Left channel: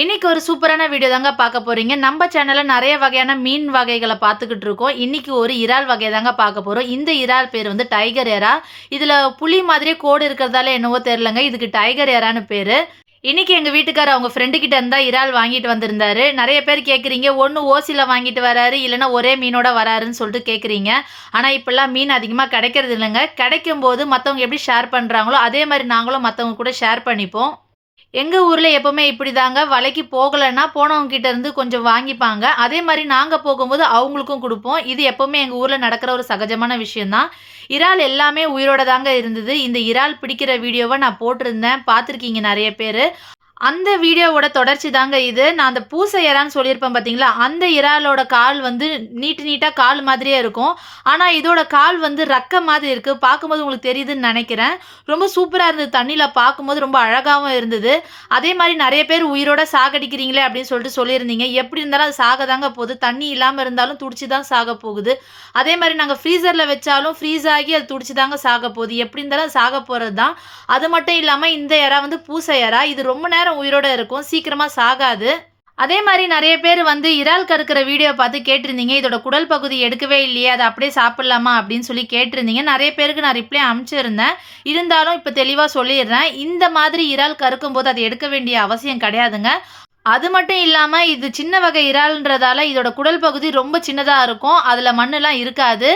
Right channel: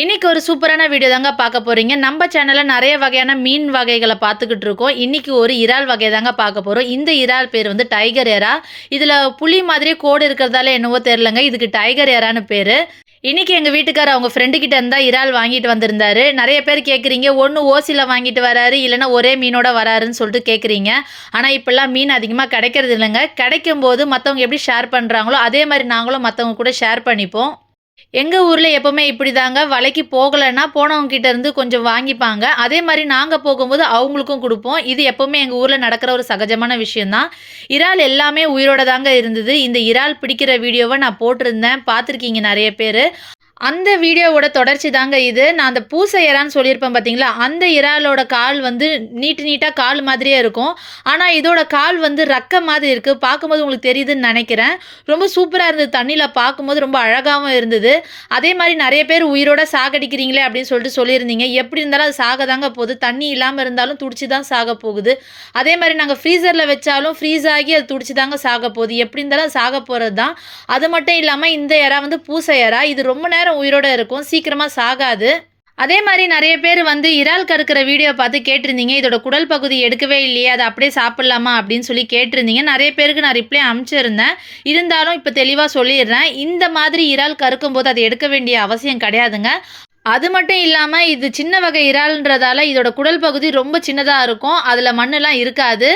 இன்னைக்கு ஒரு சூப்பரான வீடியோ தாங்க பார்க்க போகிறீங்க நம்ம சேனலில் நிறைய வகையான மீன் வகைகளை பார்த்துக்கிட்டு இருக்கோம். இன்றைக்கி ஒரு இறால் வகை தாங்க பார்க்க போகிறோம் இந்த இறால் பேர் வந்து டைகர் ஏரா இதில் புலி மாதிரியே கோடு இருக்கிறதால என்னவோ தெரிலங்க இதுக்கு டைகர் ஏரான்னு பேர். இன்றைக்கி எங்கள் வீட்டுக்கார் அவங்க ஃப்ரெண்டு கிட்ட இறால் வாங்கிட்டு வந்திருந்தாரு. நிறைய பேர் கேட்குறீங்க ஒன்று ஓசியில் வாங்கிட்டு வராரு இல்லைன்னா ஒரே மீனோட வராருன்னு சொல்லிட்டு கேட்குறீங்க ஆனால் இப்போல்லாம் மீன் அதிகமாக கிடைக்கிறது இல்லைங்க. கிடைக்கும் போது மற்றவங்க எப்படி ஷேர் பண்ணுறாங்களோ அதே மாதிரி நாங்களும் மற்றவங்க கூட ஷேர் பண்ணிப்போம். எங்கள் ஊரில் எப்போவுமே இப்படி தாங்க வலைக்கு போகலைன்னா போனவங்க இருந்து கொஞ்சம் வாங்கிப்பாங்க. அதே மாதிரி நாங்கள் போகும்போது அவங்களுக்கும் கொடுப்போம். இது எப்போவுமே எங்கள் ஊரில் நடக்கிற ஒரு சகஜமான விஷயந்தான் இறால் எல்லாமே உயிரோட தாங்க இருந்தது. இந்த இறால் பிடிக்கிற வீடியோவை நான் போட்டிருந்தேன். பார்த்துருக்கீங்க நிறைய பேர். அந்த வீடியோவோட தொடர்ச்சி தாங்க இது. நான் அந்த பூசை இறான்னு சொல்லியிருப்பேன் பார்த்தீங்களா அந்த இறாலோட கால் வந்து நீட்டு நீட்டாக கால் மாதிரியே இருக்கும். ஆனால் இதோட கால் வந்து ரக்க மாதிரி இருக்குது பார்க்கும்போது உங்களுக்கு தெரியுதுன்னு நினைக்கிறேன். ரொம்ப சூப்பராக இருந்தது. தண்ணியில் பார்க்கும்போது ரொம்ப அழகாகவும் இருந்தது. அதே மாதிரி நிறைய பேர் உயிரோட சாகடிக்கிறீங்களே அப்படின்னு சொல்லிட்டு சொல்லியிருந்தீங்க. எப்படி இருந்தாலும் அது சாக தாங்க போகுது. தண்ணி இல்லாமல் இருந்தாலும் துடிச்சு தான் சாக போகுது. அதே மாதிரி நாங்கள் ஃப்ரீசரில் வச்சாலும் ஃப்ரீஸ் ஆகி அது துடிச்சு தாங்க சாக போகுது. எப்படி இருந்தாலும் சாக போகிறது தான் அது மட்டும் இல்லாமல் இந்த இறா வந்து பூசை இறா. இது ரொம்ப நேரம் உயிரோட இருக்கும். சீக்கிரமாக சாகாது. அதே மாதிரி நிறைய பேர் வந்து இறால் கறுக்கிற வீடியோ பார்த்து கேட்டிருந்தீங்க. இதோட குடல் பகுதி எடுக்கவே இல்லையே அதை அப்படியே சாப்பிட்லாமா அப்படின்னு சொல்லி கேட்டிருந்தீங்க. நிறைய பேருக்கு நான் ரிப்ளை அனுப்பிச்சிருந்தேன். இருந்தாலும் இப்போ தெளிவாக சொல்லிடுறேன். இந்த மாதிரி இறால் கறுக்கும் போது அதை எடுக்க வேண்டிய அவசியம் கிடையாதுங்க. அது மட்டும் இல்லாமல் இது சின்ன வகை இறால்ன்றதால இதோட குடல் பகுதி ரொம்ப சின்னதாக இருக்கும். அதில் மண்ணெல்லாம் இருக்காது.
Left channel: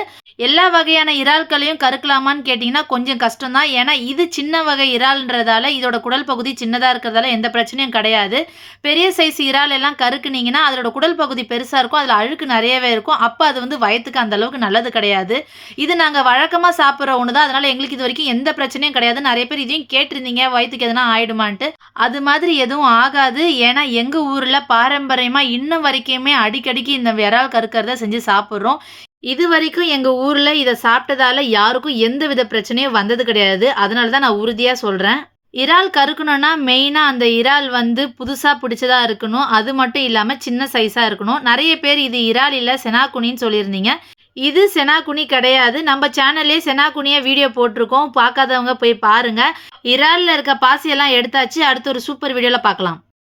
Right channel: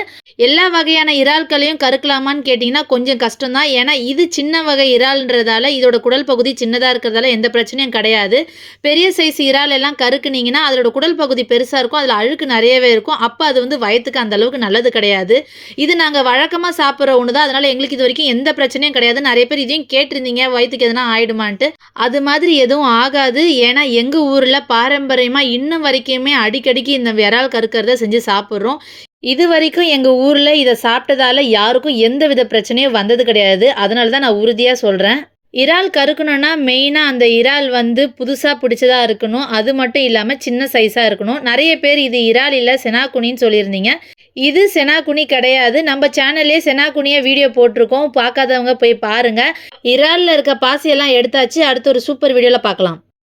எல்லா வகையான இறால்களையும் கறுக்கலாமான்னு கேட்டிங்கன்னா கொஞ்சம் கஷ்டம்தான். ஏன்னா இது சின்ன வகை இறால்ன்றதால இதோட குடல் பகுதி சின்னதாக இருக்கிறதால எந்த பிரச்சனையும் கிடையாது. பெரிய சைஸ் இறால் எல்லாம் கறுக்குனீங்கன்னா அதோட குடல் பகுதி பெருசாக இருக்கும். அதில் அழுக்கு நிறையவே இருக்கும். அப்போ அது வந்து வயத்துக்கு அந்த அளவுக்கு நல்லது கிடையாது. இது நாங்கள் வழக்கமாக சாப்பிட்ற ஒன்று தான் அதனால் எங்களுக்கு இது வரைக்கும் எந்த பிரச்சனையும் கிடையாது. நிறைய பேர் இதையும் கேட்டிருந்தீங்க. வயிற்றுக்கு எதனா ஆயிடுமான்ட்டு. அது மாதிரி எதுவும் ஆகாது. ஏன்னா எங்கள் ஊரில் பாரம்பரியமாக இன்னும் வரைக்குமே அடிக்கடிக்கு இந்த விரால் கறுக்கிறத செஞ்சு சாப்பிட்றோம். இது வரைக்கும் எங்கள் ஊரில் இதை சாப்பிட்டதால யாருக்கும் எந்த வித பிரச்சனையும் வந்தது கிடையாது. அதனால தான் நான் உறுதியாக சொல்கிறேன் இறால் கறுக்கணும்னா மெயினாக அந்த இறால் வந்து புதுசாக பிடிச்சதாக இருக்கணும். அது மட்டும் இல்லாமல் சின்ன சைஸாக இருக்கணும். நிறைய பேர் இது இறால் இல்லை செனாக்குனின்னு சொல்லியிருந்தீங்க. இது செனாக்குனி கிடையாது. நம்ம சேனல்லே செனாக்குனியை வீடியோ போட்டிருக்கோம். பார்க்காதவங்க போய் பாருங்கள் இறாலில் இருக்க பாசியெல்லாம் எடுத்தாச்சு. அடுத்த ஒரு சூப்பர் வீடியோவில் பார்க்கலாம்.